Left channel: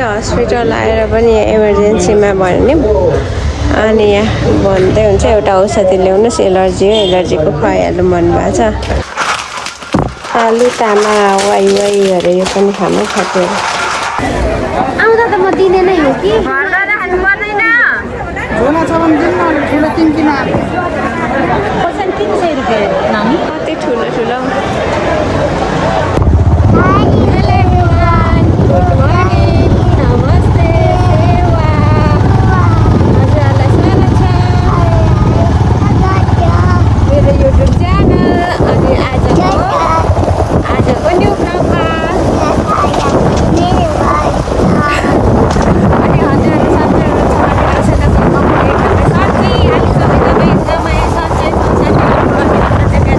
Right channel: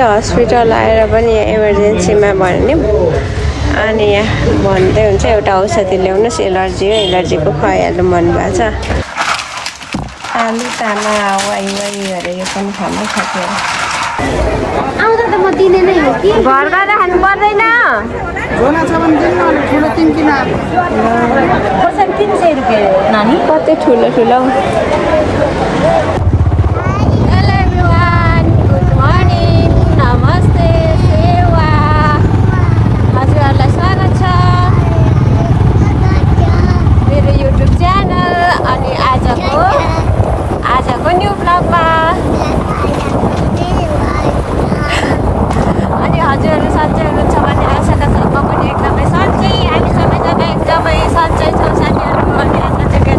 चाहिँ हस्पिटल आएर पनि इमर्जेन्सीमा भन्यौँ अनि यहाँ भन्दै हुन्छ एउटा औषधि ल्याउनुहोस् एलर्जी हो एलर्जीको खुवाइहाल्नु भन्नुभएको छ आलु चामल वाइ अरे यो पनि खानु सक्यो आउँदा त म दिने नै हो कि घर गएर खानु पर्दैन झोला छ भने दिनु न ठुलो 3 किलो पर्सेन्ट 300 रुपैयाँ नानी कति ठुलो ठुलो हेलो एभ्रिवान गुड मर्निङ नमस्ते सेवा हजुरहरूलाई स्वागत छ मेरो युट्युब च्यानल अनि आजको न्यू ब्लगमा अनि हजुरहरू सन्चै हुनुहुन्छ भन्ने आशा छ म पनि एकदमै सन्चै हामी सबैजना एकदमै सन्चै छौँ साथीहरू अनि आज चाहिँ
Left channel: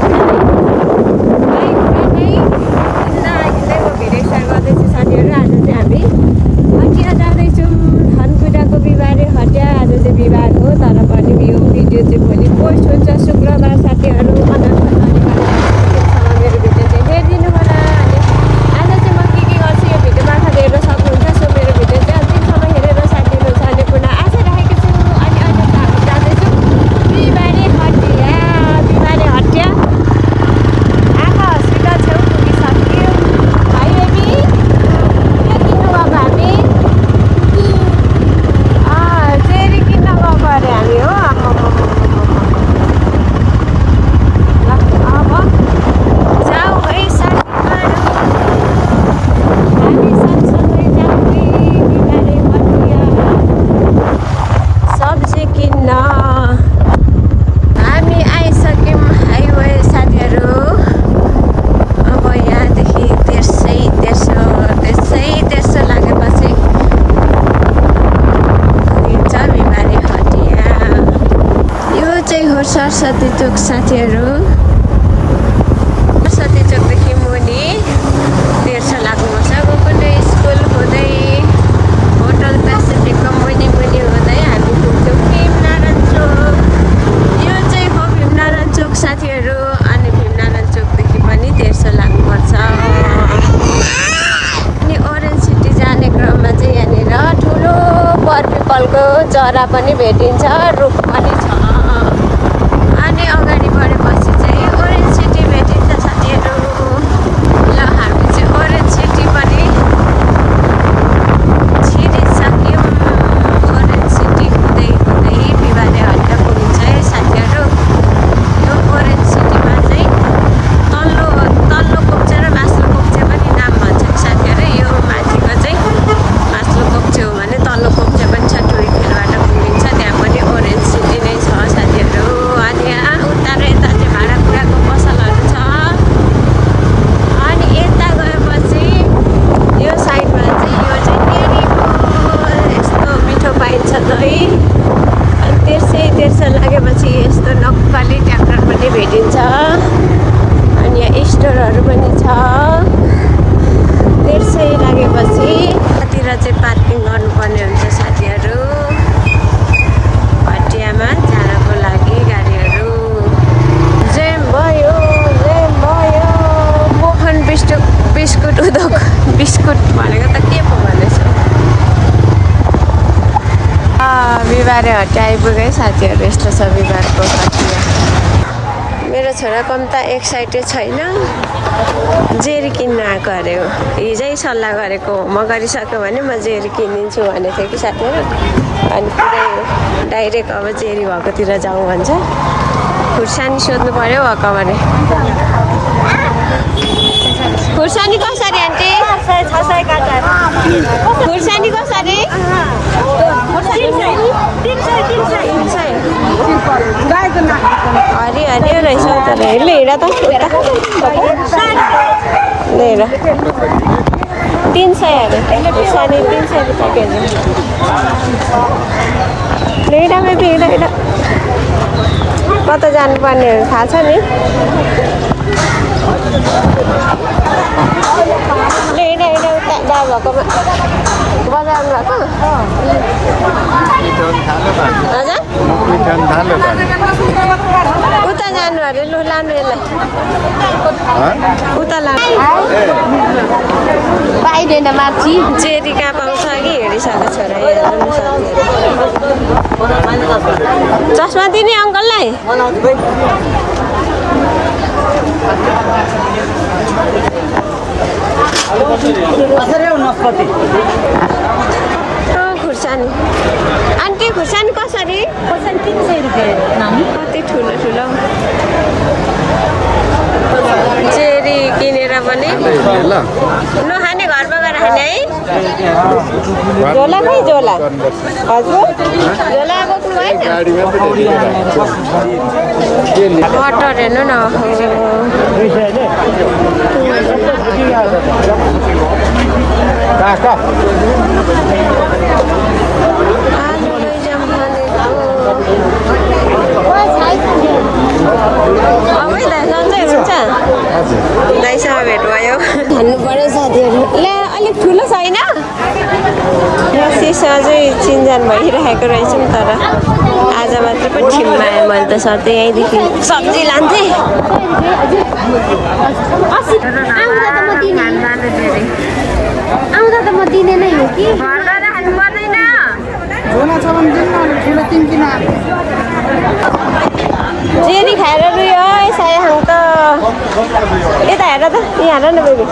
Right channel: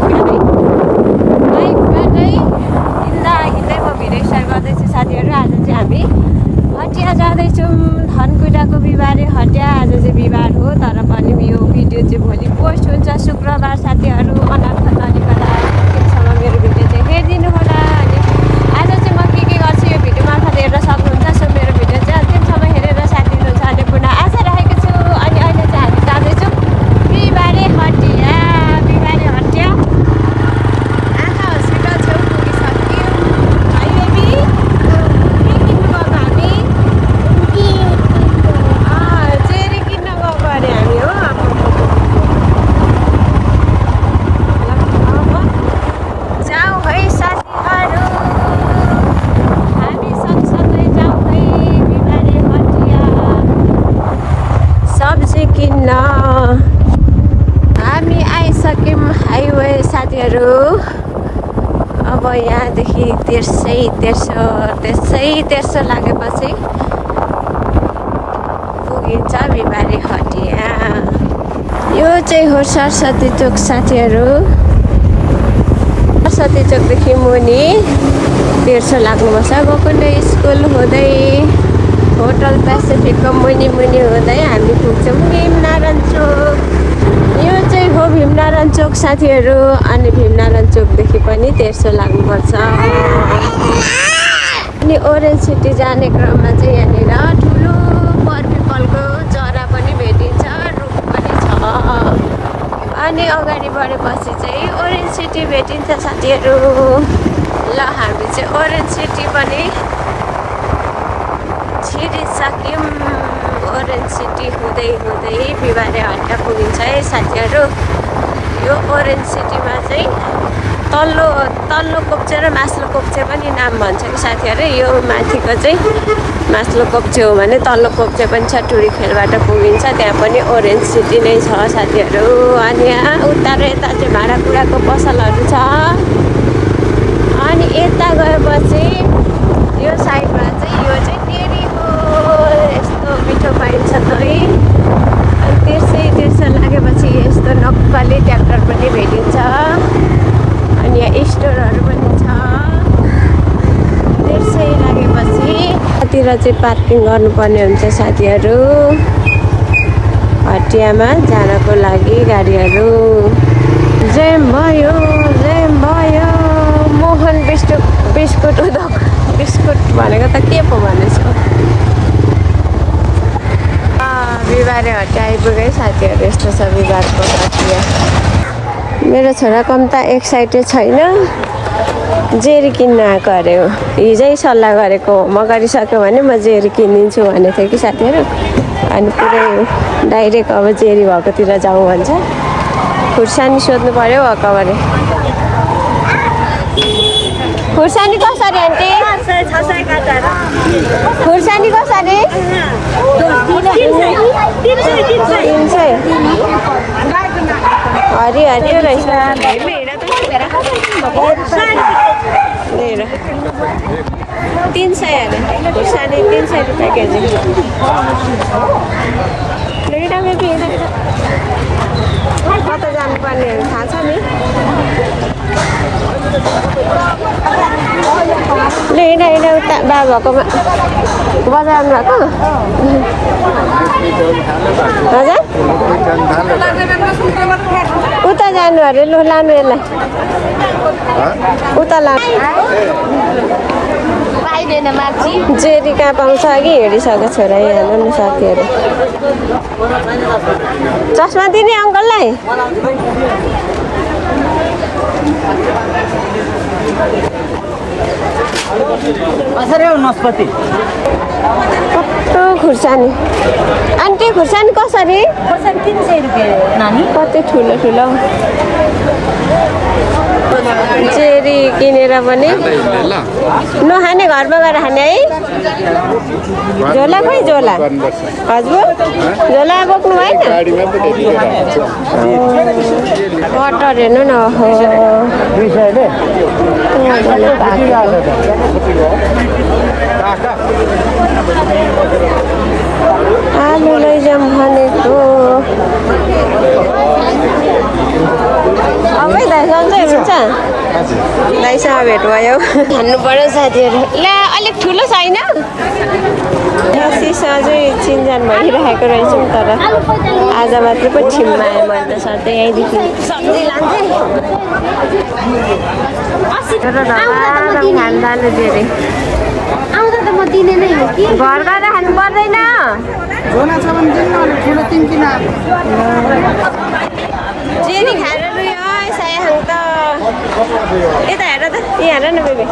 बाइकबाटै हिँड्दै म भिडियो स्टार्ट गर्दैछु साथीहरू आज चाहिँ हामी हटिया जाँदैछौँ धनकुटाको बिहिबारे हटिया आज चाहिँ बिहिबार हो तर पनि यो भिडियो चाहिँ भोलि पोस्ट हुन्छ शुक्रबार साथीहरू अनाथ नानीकला दिनसम्म मेरो भिडियो चाहिँ हेरिदिनु होला अनि आज चाहिँ म के गर्छु यो भिडियो मार्फत हेर्न सक्नुहुन्छ सो मेरो भिडियो चाहिँ अन्तिमसम्म हेरेर साथ दिनुहुन्छ भन्ने पूर्ण आशा राखेको छु अनि अहिले चाहिँ हामी जाँदैछौँ बिहिबारे हटिया आँखा हस्पिटल छेउ पुगिसक्यौँ है बेबी के किन्नु गएको हामी चेरी किन्न गएको अरे हामी हो जाउँ है साथीहरू हामी सँगसँगै जाउँ है बिहिबारे हटिया सब्जी किन्न हामी आइसक्यौँ हाइवे साथीहरू अब यहाँदेखि तेर्सो लागेपछि पुगिन्छ बिहिबारे हटिया यो चाहिँ हो सरस्वती चोक साथीहरू सरस्वती चोकदेखि मुनि तेर्सो लाग्नुपर्छ गोकर्ण स्कुल हुँदै होटल पेसिफिकको मुनि हुँदै हामी पुग्छौँ भीमनारायण चोक यो चाहिँ हो भीमनारायण चोक साथीहरू अनि भीमनारायण चोकदेखि पनि तेर्सो लाग्नुपर्छ अनि ओरेन्ज सिटी जाने क्रममा चाहिँ यहाँनिर ठुलो बरपिपलको चरा पनि भेटिन्छ रुख पनि छ अनि अगाडि बढेपछि चाहिँ ओरेन्ज सिटी भेटिन्छ साथीहरू ल हामी चाहिँ ओरेन्ज सिटी पनि छिरिसक्यौँ ओरेन्ज सिटी हुँदै बिहिबारे हटिया पुगिन्छ है साथीहरू यो ओरेन्ज सिटीमा चाहिँ तल्लो कोप्चे र माथिल्लो कोप्चे पनि नाम भन्छ कि साथीहरू यो माथिको चाहिँ माथिल्लो कोप्चे हो भने तल्लो कोप्चे पनि छ टुरिखेलबाट पुगिन्छ त्यहाँ पनि ओरेन्ज सिटी नै छ साथीहरू अनि यहाँ उता र यता चाहिँ भाँडाकुँडाको पसलहरू छ अनि यता गएपछि यो साइडमा चाहिँ यो चाहिँ मेरीको यस्तो मिठो पाइन्छ दही अनि तेर्सो लागेपछि यस्तो नक्कली ट्र्याक्टर पनि भेटिन्छ अनि यहाँ स्टोरहरू पनि छ तेर्सै लागेपछि कतिर चाहिँ पार्किङ गर्नुपर्ने हुन्छ साथीहरू हटियामा जानको लागि गाडीहरू मोहन बिस्कुट उद्योग बिस्कुट भनेको त के पो भनेछु बिहिबारे हटिया आइपुगेँ साथीहरू यस्तो छ बिहिबारको हटिया मेरो छोरा कम त एक्साइटेड छैन जेरी किन्न आएको अरे हो हिजै सल्लाह गरेको म गरिसक्यो भने म जेरी किनिदिन्छु भनेको थियो कि साथीहरू अनि पुरै डाइरेक्ट अब जेरी भएकोतिर जाउँ भन्छ खुर्सानी सोध्नु पर्यो हकबारे खुर्सानी कसरी आन्टी खुर्सानी कसरी 300 हरियो रहेछ तर लिएर त लिएर 300 खुर्सानी 300 रुपियाँ केजी लिइरामै लिएर कता जानुपर्नेहरू थाहा छ नि लिएर उता बाबाको बजारमा हजुर उता जानु लानु अरे लु लानु यसलाई उता लानु जेरी कहाँ पाउँछ कि हिँडिसकेको छोरा यहाँ हेर्नु साथीहरू चस्मा दिने अङ्कललाई कस्तो खुर्सानी आन्टी खुर्सानी कसरी कति ठुलो ठुलो चेरी किनेर पनि नखाने घरमा गएर खाने है झोला बोक्नु है बटर हेर्नु न आलु लैजाउँ भनेको अब दाइ सन्चै हुन्छ दाइसँग भेट भयो भन्नु पर्यो साथीहरू ल अलिक ठुलो छैन सिसा चाहिँ चिनजान भइरहेको रहेछौँ तर आज मात्र पो ठिममा आयो मैले त सधैँ यहीँदेखि सब्जी लान्थेँ खानु जानु धेरै आउँदा त म दिने नै हो कि घर गएर खानु पर्दैन झोला छ भने दिनु न अलिक ठुलो 3 किलो जेरी खाएर रुयो सयाहाङ त यता हेर त यहाँ हेर न बेबी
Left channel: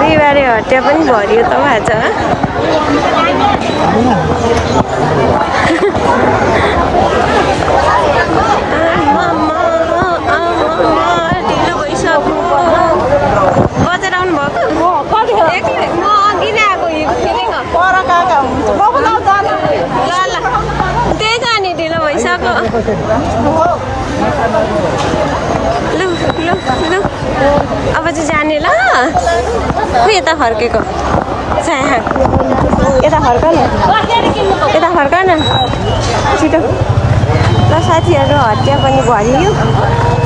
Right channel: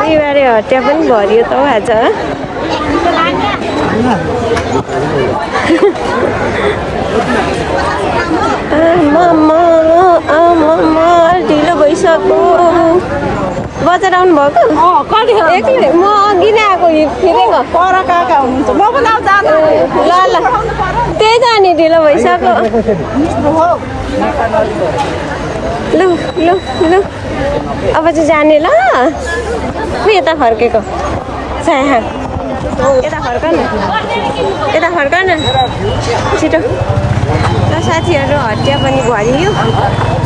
बिहिबारे हटिया पनि भरियो त आज ढिलो भइसक्यो बजार आउनु भएको एक्लै म अघि नै आएको फिरेको ल ल त्यही त अनि ढिलो भइसक्यो लु लु लु अब चाहिँ जाने ल खै यता फर्केको साया यता फर्क न यता फर्क न छिटो ल साथीहरू हटिया पनि भरियो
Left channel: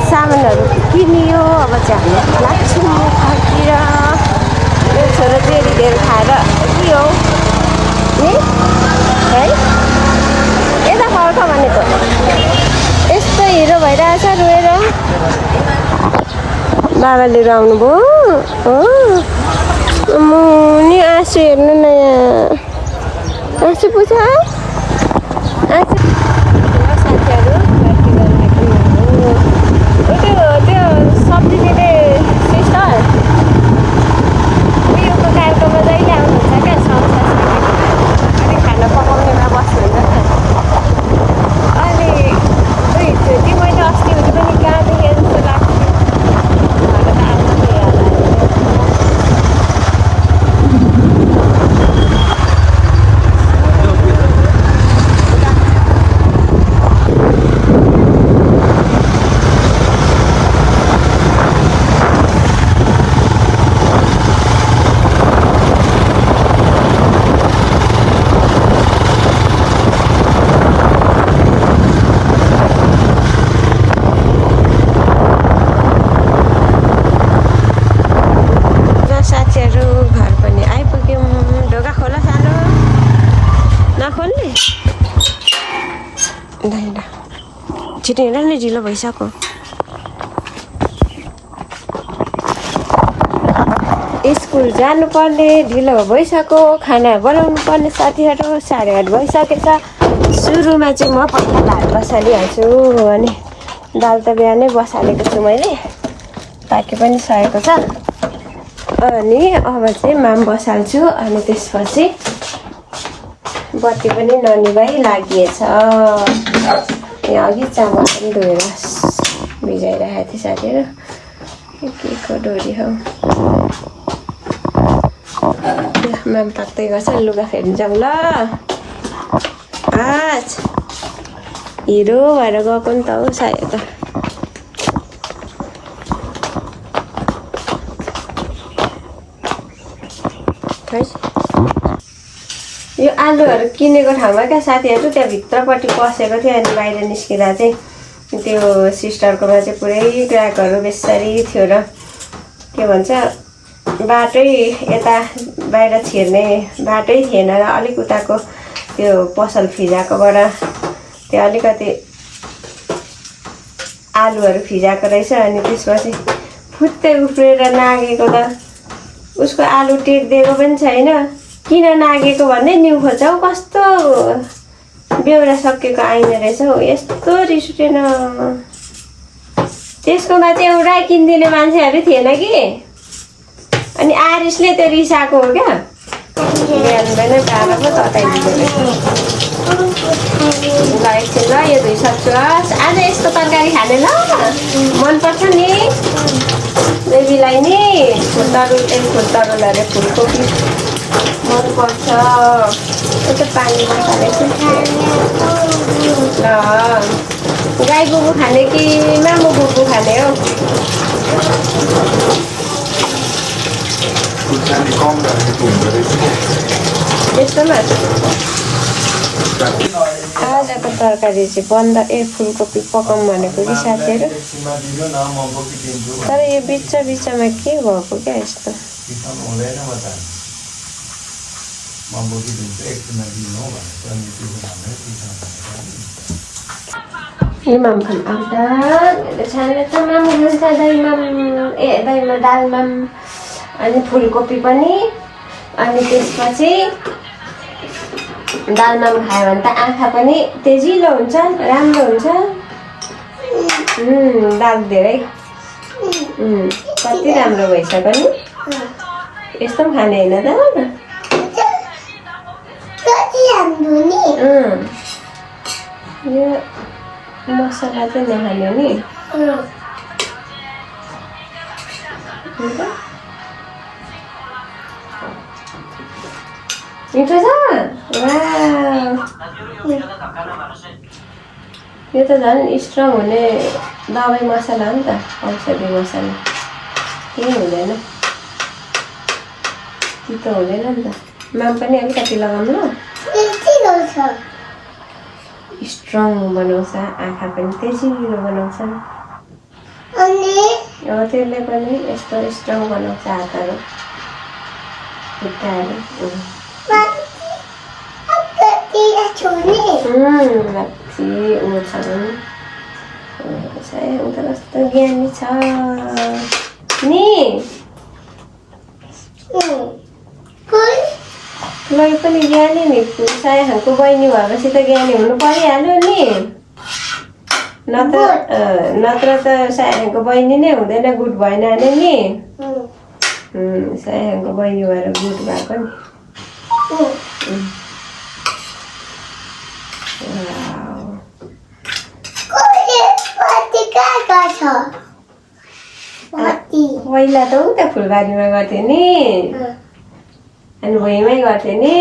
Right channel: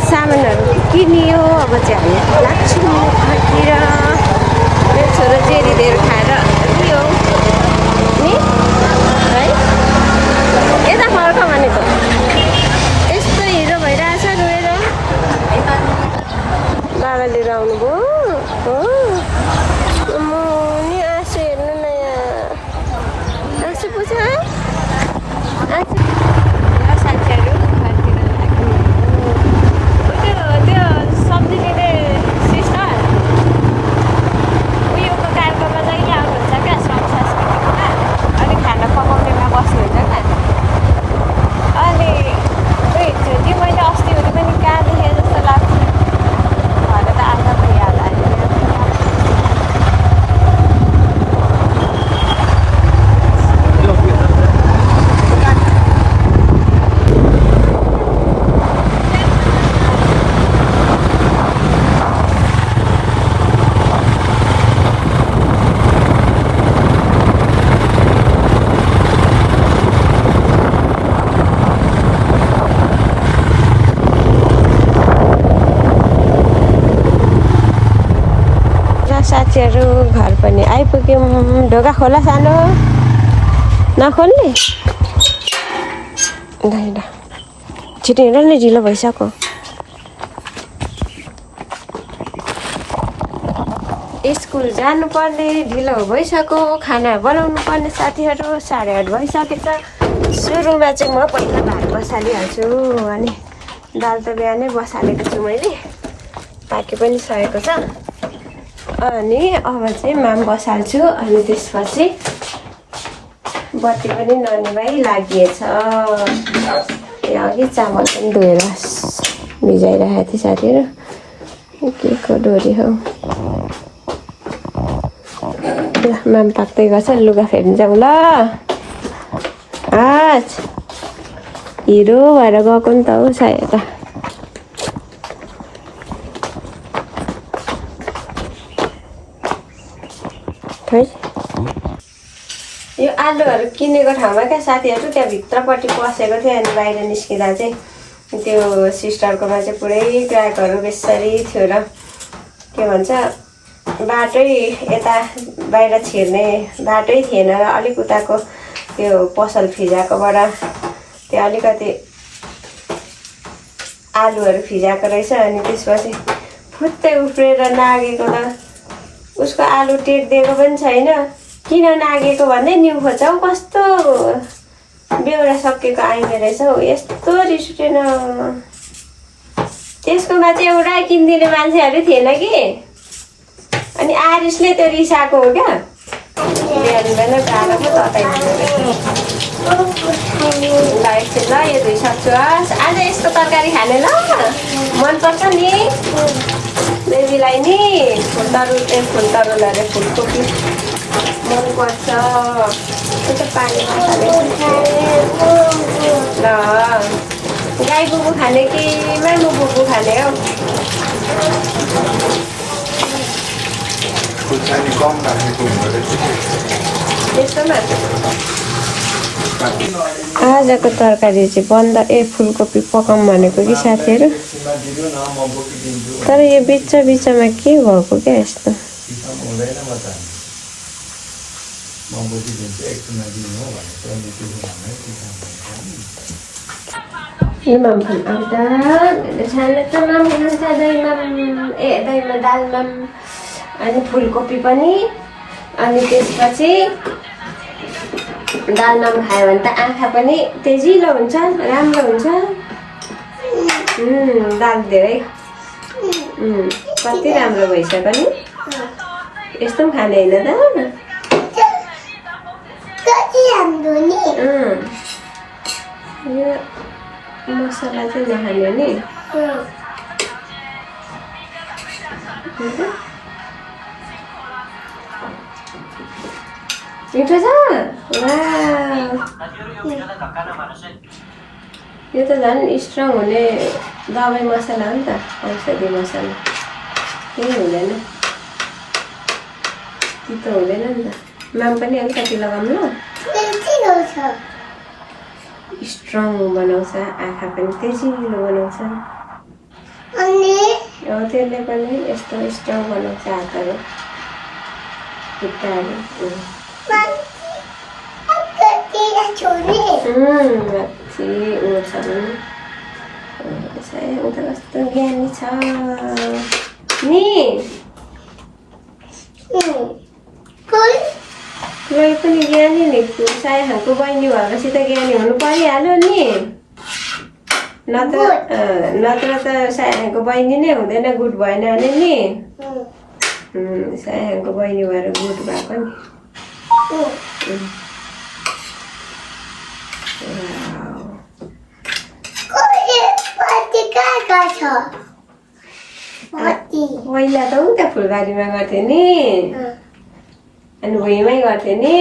सामानहरू किनियो अब चाहिँ हामी लाग्छौँ फर्केर मेरो छोरो जेरी धेरै खाएर रुयो नि है यता फर्क भनेको यस्तो हिरो भइरहेछ रोएर बाबाले लिएर आउनुभयो नि आँसु हेर्नु न यहाँ आँसु पुछ साथीहरू फर्केर लाग्यो त्यो सब्जी दिने सिस्टर उयोको कार्यक्रममा जहिले आउनुहुन्छ क्या संस्कृतिमा अनि खाना पकाउनेमा बस्नुहुन्छ क्या अनि दुईचोटि मैले अस्ति हुँदै पनि कहाँ देखेँ जस्तो लाग्थ्यो घर त आज पो याद आयो साथीहरू घर पनि आइपुग्यौँ ढोका खोला सानो नखोल्ने होइन छिटो हिँड नि ढिलो भइसक्यो स्कुल जानुपर्ने ढिलो भइसक्यो खाना बनाउनु पर्ने साथीहरू 8:30 भइसकेछ सुरुमा चाहिँ म पहिला भात बसालिहाल्छु अनि दाल त बिहानै बसालेको छु मैले पाके पनि सकेको छ अनि अब चाहिँ माम बसाल्छु अनि त्यसपछि बत्ती पनि ननिभाइ लागिएछ यहाँ अघि चामल पनि धोएर भिजाइरहेको थिएँ साथीहरू के को डोरी हो ल माम पाक्दै गर्छ लुगा फेर्नु जाउँ ल आज हिरो भएर गएको नि त हौ सायद यो आलुहरू किनेको ठाउँमा क्या साथीहरू त्यहाँ भित्रपट्टि पसेको थियो अनि बाहिर निस्किँदा चाहिँ त्यो सिस्टरकोमा चाहिँ पुरै ग्राहकहरू बेसरी थियो र के भन्छ बाटै यता बाहिर छिर्ने बाटै थिएन र अलिक उताको त्यो पसल फिजाकोबाट त्यो अलिकति आलुहरू फिजाएको रहेछ अनि त्यसपछि फुत्तै उफ्रेर नागेको त उसको आलु टेक्दिएको पनि छैन किन नागेको भन्दै न्यु खोज्छौ कस्तो बेहोरा सकेको आइमे रहेछ हौ यस्तो रिस उठेन त्यसकोमा चाहिँ एउटा किनिदिने मान्छेहरू थिएन कि अनि आरिसले त्यो रिसाएको हो क्या ल्याउँदैन गाह्रो पो तताइदिँदो रहेछ ल एकछिन ल यो धोइसक्छु आज यस्तो तरकारी खाने ल मनपर्छ नि बेबीलाई नि फुलतरुल अरे फुलकोपी मनपर्छ कस्तो पानी नखालेको ल गाई बुबु खाने कि मामु बुबु खाने हौ यस्तोमा आजको तरकारी चाहिँ बन्द फुलकोपी पकाउँ भनेको कि साथीहरू तर यो बिचमा के भएको क्या यस्तो इमाम आउँदा मामु खान्छ दहीमा दालमा अनि फुलकोपी पनि अनि त्यसपछि दालमा खायो भने त आँखा पनि तेजिलो हुन्छ राम्रो हुन्छ दाल धेरै कति राम्रो भइसक्यो नि यस्तो पनि खाने होइन त यो मसला चाहिँ नखाने नि मिठो छ यो त झन् स्ट्रङ हुने दबाई मसला हो नि त औषधी मसला केही हुँदैन तितो हुँदैन नि त माम पनि अलिकति लगाउनु स्ट्रङ बनाउँछ आँखा पनि तेजिलो बनाउँछ त्यसले पनि यस्तो स्ट्रङ बनाउँछ हातहरू खुट्टाहरू कस्तो ज्ञानी छ नि मलाई पनि ज्ञानी नि सायाको बहिनी भएपछि त ज्ञानी हुनु परिहाल्यो नि नत्र त सायाको बहिनी नै हुँदैन गुड भएन नि सायाको बहिनी भएर गुड भएको नि पहिला त उता फुलबारीमा गर्थेँ नि अनि भुइँमै गर्थेँ नि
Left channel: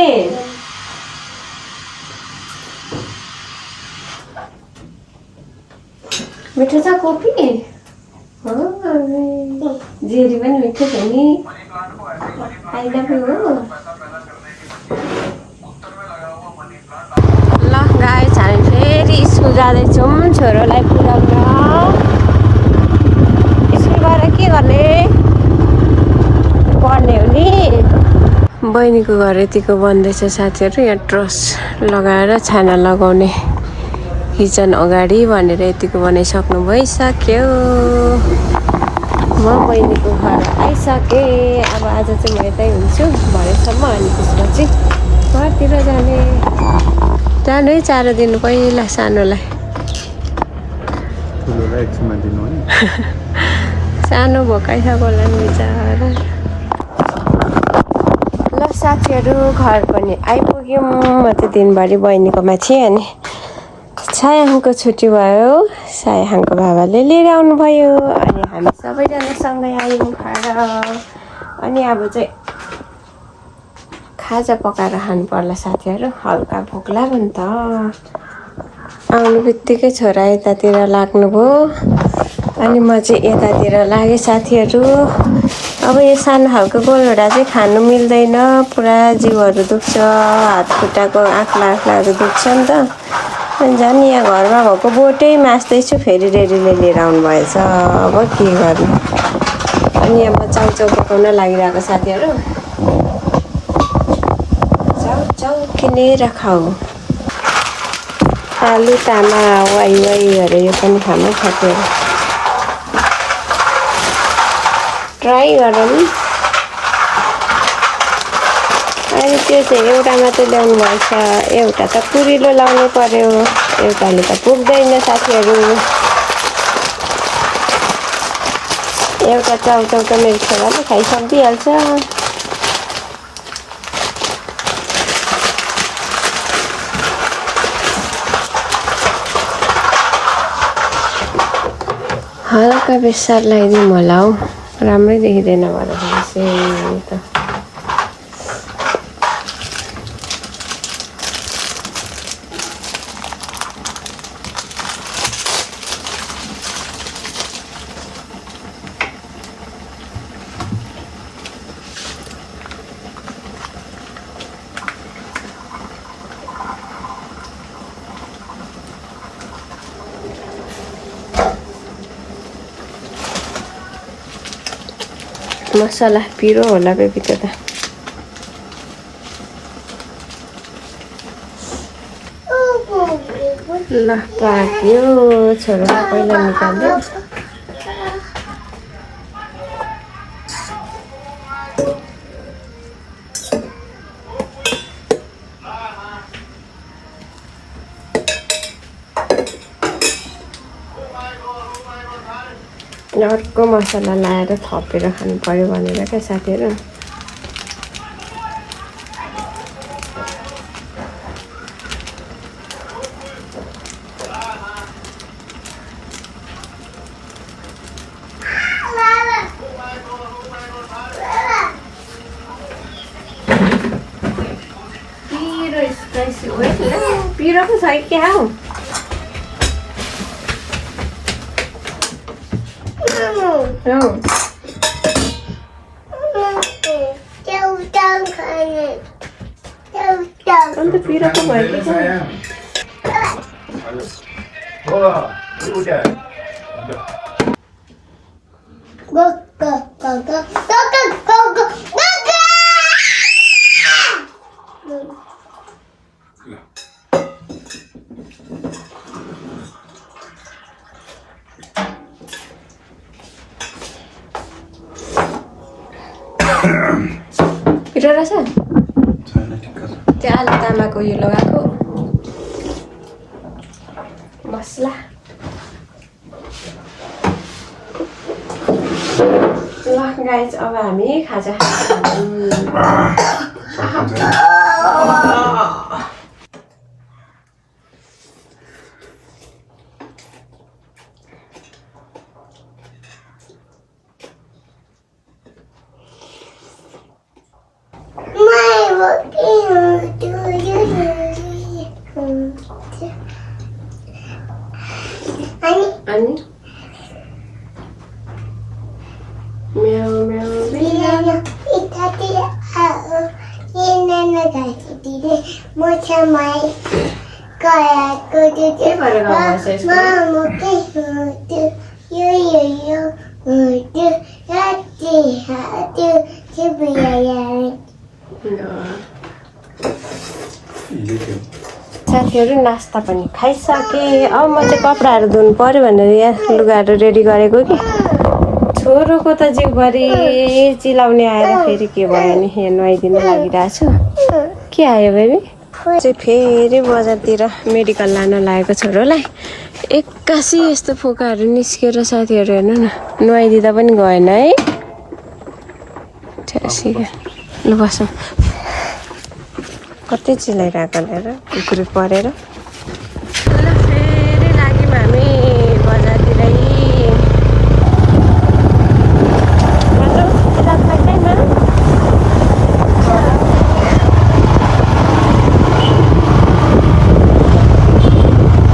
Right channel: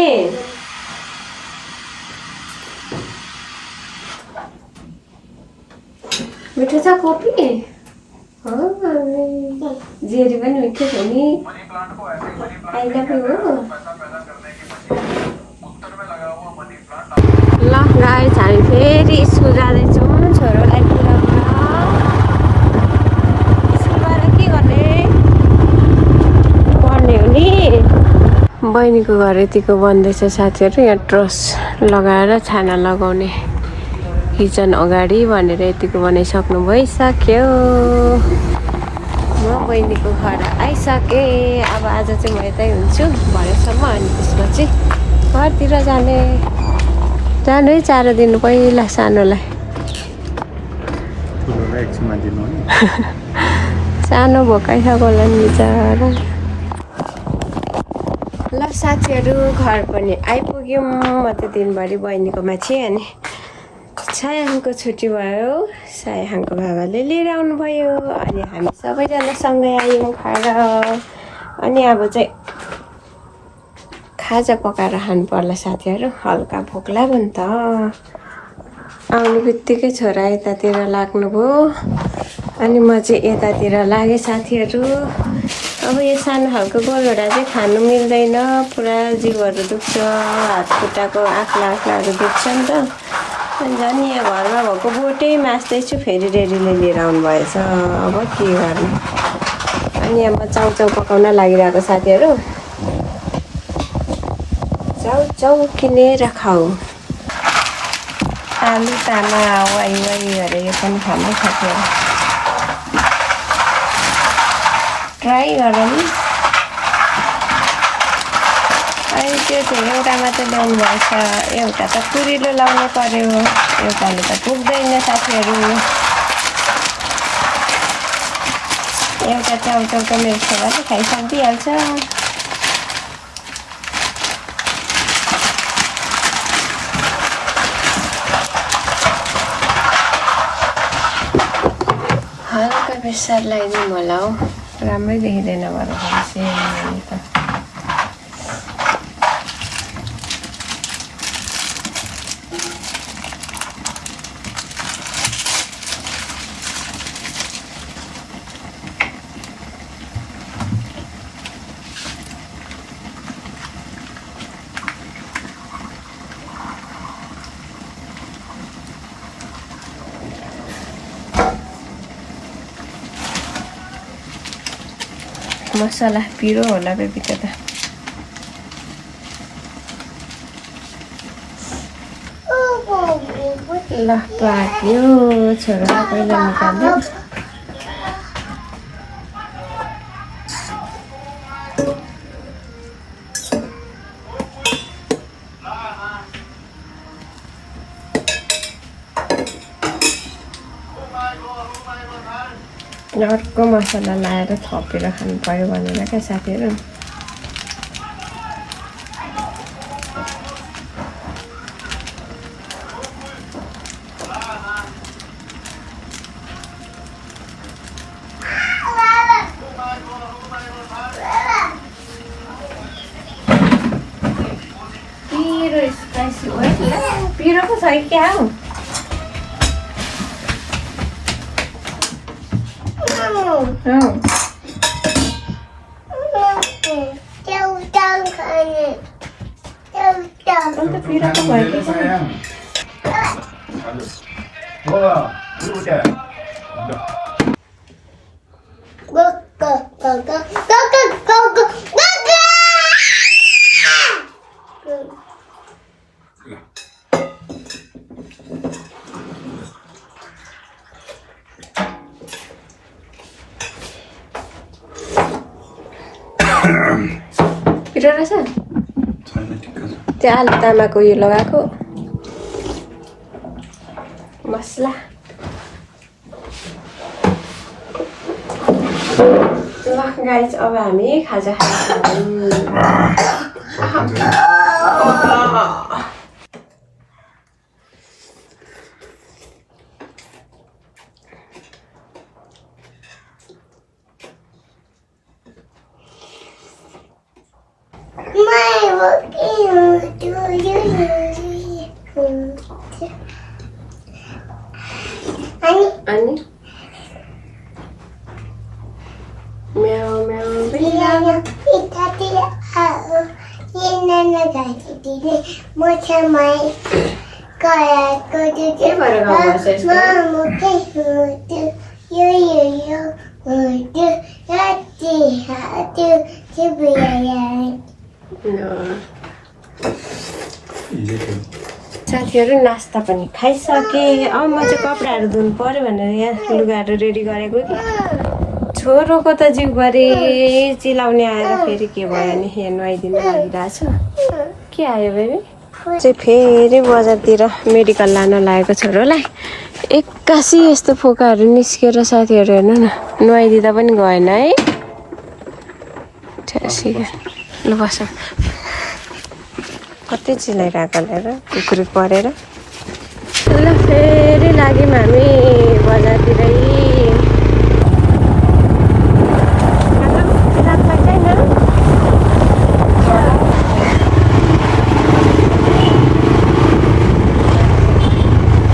मिठो छ कोपी जेरी पनि मिठो थियो नि आइला पनि हो ल गाइस हामी फेरि स्कुल जाँदैछौँ छोरोलाई पुऱ्याउन स्कुलबाट के गर्ने पढ्ने हो नि बहिनीको घर यतिको बन्दैछ साथीहरू यहाँ ट्रस लगाएर छाना लगाउने किचन अगाडि भनेर यतिको बनाइसक्नु भइसक्यो म बहिनीको घर आइसकेँ अब आज चाहिँ म यतै हुन्छु भरेसम्म अनि त्यसपछि घरतिर जाने है चारो दिनु पहिला सानोलाई ठुलोलाई एकछिनमा दिनु नि सानो भोकाइसक्यो होला नि बिचरा ल साथीहरू घर पनि आइपुग्यौँ म चाहिँ दिनभरि बहिनीकोमा थिएँ अनि सायाहाङको छुट्टी भयो सायाहाङको बाबाले लिएर आउनुभयो अनि हामी सबैजना सँगै आयौँ घर अनि अब चाहिँ खाजा पकाएर खानु पर्ला साथीहरू हल्का भोक लाग्यो नि त आउनु बित्तिकै छोरा यतातिर लाग्नुभयो अनि म चाहिँ यतातिर लागेँ साथीहरू अब यो सानो खालको गोलभेडा चाहिँ खानु मिल्दैन पुरा जिउहरू दुख्छ हात खुट्टाको आँख्लाहरू दुख्छ नि त अनि झन् यहाँ घरमा भएको बोटै मास्दैछु फेरि रेडीले लिएर आउनुभएछ अब के गर्नु अनि यहाँ म चाउचाउ पकाउन लागिरहेको साथीहरू चाउचाउ चौकिनेर खाऊ आलु तामा वाइ वाइहरू यो पनि खानु सक्यो ट्राई गरौँ अहिले त्यो चाहिँ एउटा मात्रै ल्याउनु भएछ एउटा त पुरिलो लाउनु पर्यो एउटाले त पुग्दैन साथीहरू एउटा चाउचाउको मेरो छोराले खाइसकिहाल्छ हल्का बेसार लगाइदिउँ होला हौ राम्रै देखिँदैन भएर सेम त मसला पिरो होला बेबी त्यो त ल पाक्यो छोरालाई पहिला निकाल्यो अर्को मसला लाएर थपेर खानु पर्यो भनेर क्या साथीहरू पिरो स्पाइसी हो पिरो पो छ क्या हौ अन्त पिरो पो भयो पिरो रहेछ त्यो आलु तामाको उयो लगाएको मसला ल गाइस अब हामी खाजा अनि म्याउ म्याउ साथीहरू नास्ता पनि खाइसकेँ अब म चाहिँ कपडाहरू धुनु पर्यो भनेर यहाँ लुगाहरू रेडी गरेको कि छोरोको त जिउभरि चिलाउने आएर फेरि के भयो नि यहाँ नुहाइदिनु लागिरहेछु के आयो बेबी चाहिँ फेरि बजारतिर मेडिकल लान लागेको छोरोलाई एक्कासी यस्तो फोकाहरू निस्केर साथीहरू हेर्नु न नुहाइदिँदा पनि गएन है ल बसौँ कतै चिलाइरहेको लिएर कुकुरी परेर ल फेरि लाग्यौँ हामी बजारतिरै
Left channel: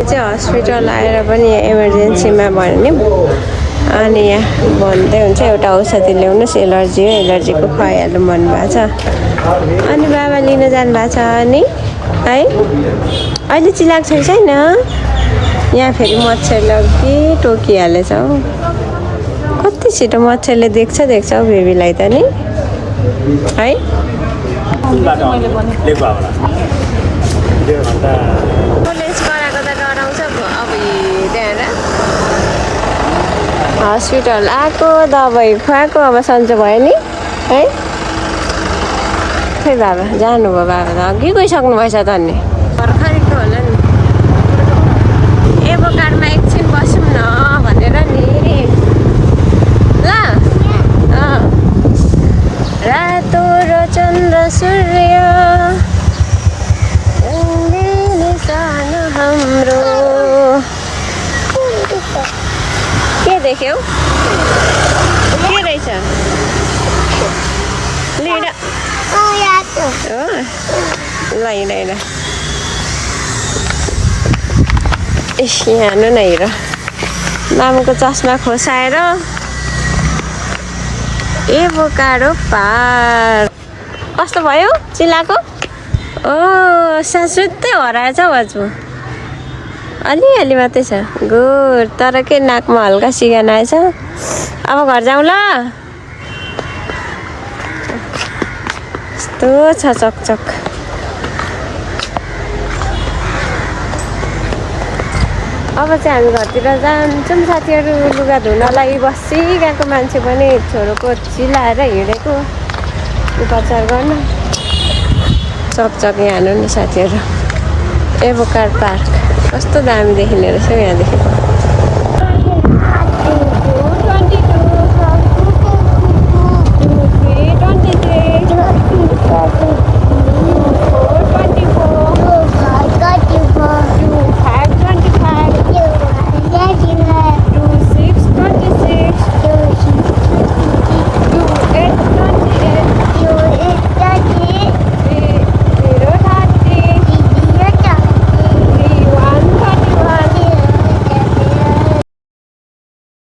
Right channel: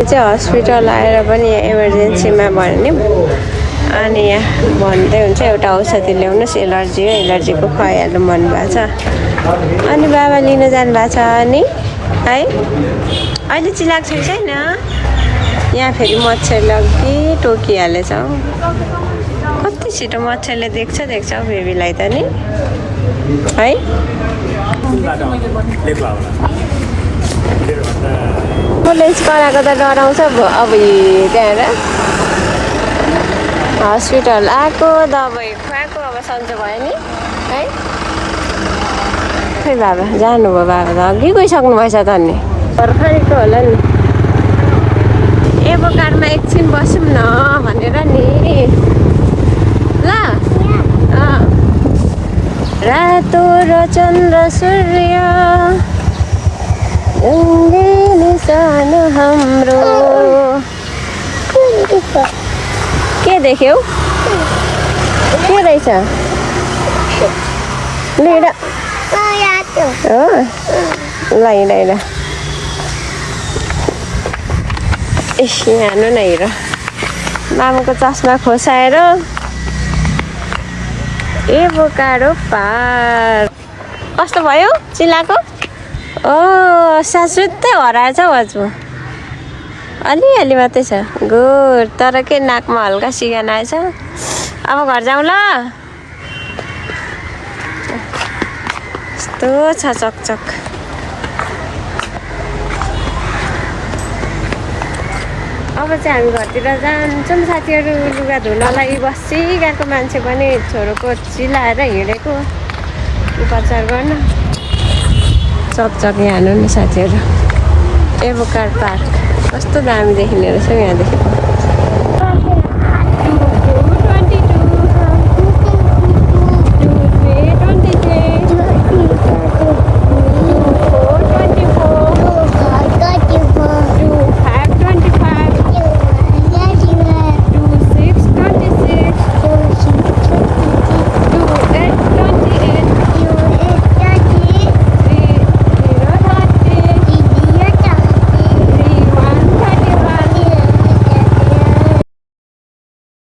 चाहिँ हस्पिटल आएर पनि इमर्जेन्सीमा भन्यो अनि यहाँ भन्दै हुन्छ एउटा औषधि ल्याउनुहोस् एलर्जी हो एलर्जीको खुवाइहाल्नु भन्नुभएको छ अनि बाबा लिन जानुभएको छ नि है अहिले चिलाएको छैन यहाँ फेरि मच्छरले अघि टोकिहालेछ हौ कति छिटो मच्छरले देख्छ हौ बेबीलाई त नि है पुलिस कराएको त डराउँछ अब त्यहाँबाट हस्पिटल आएको दबाई खुवाएको अब सन्चो भयो नि है खै बाबा जानुभयो बाबा त अघि गइसक्नु भएछ त अनि भर्खरको होला नि एभोकाडमा एकछिन बसौँ न भनेर नि ल रातो र चन्द्र सूर्य सानो हाम्रो के देख्यौ के रहेछ लिएर हो ल हिँड यहाँ न हिँड मामुको चस्मा खोसाएर एभोकाडो पार कस्तो भयो चिलाको सासुत्तै हराएछ हौ हजुर अलिअलि मात्रै छ गुड तर के नाकमा हल्का सिगान आएछ अब घर जाउँ ल यस्तो छ चकचक अब चाहिँ हामी घरतिर जान्छौँ साथीहरू लुगा धुनलाई बसिरहेको मान्छे पनि छोरोको चिलाएर हिँडेको उपचार गर्न चकचक यहाँ हाल्नु न साथीहरू एभोकाड पार्क कस्तो दामी देखिने रहेछ यहाँ देखेको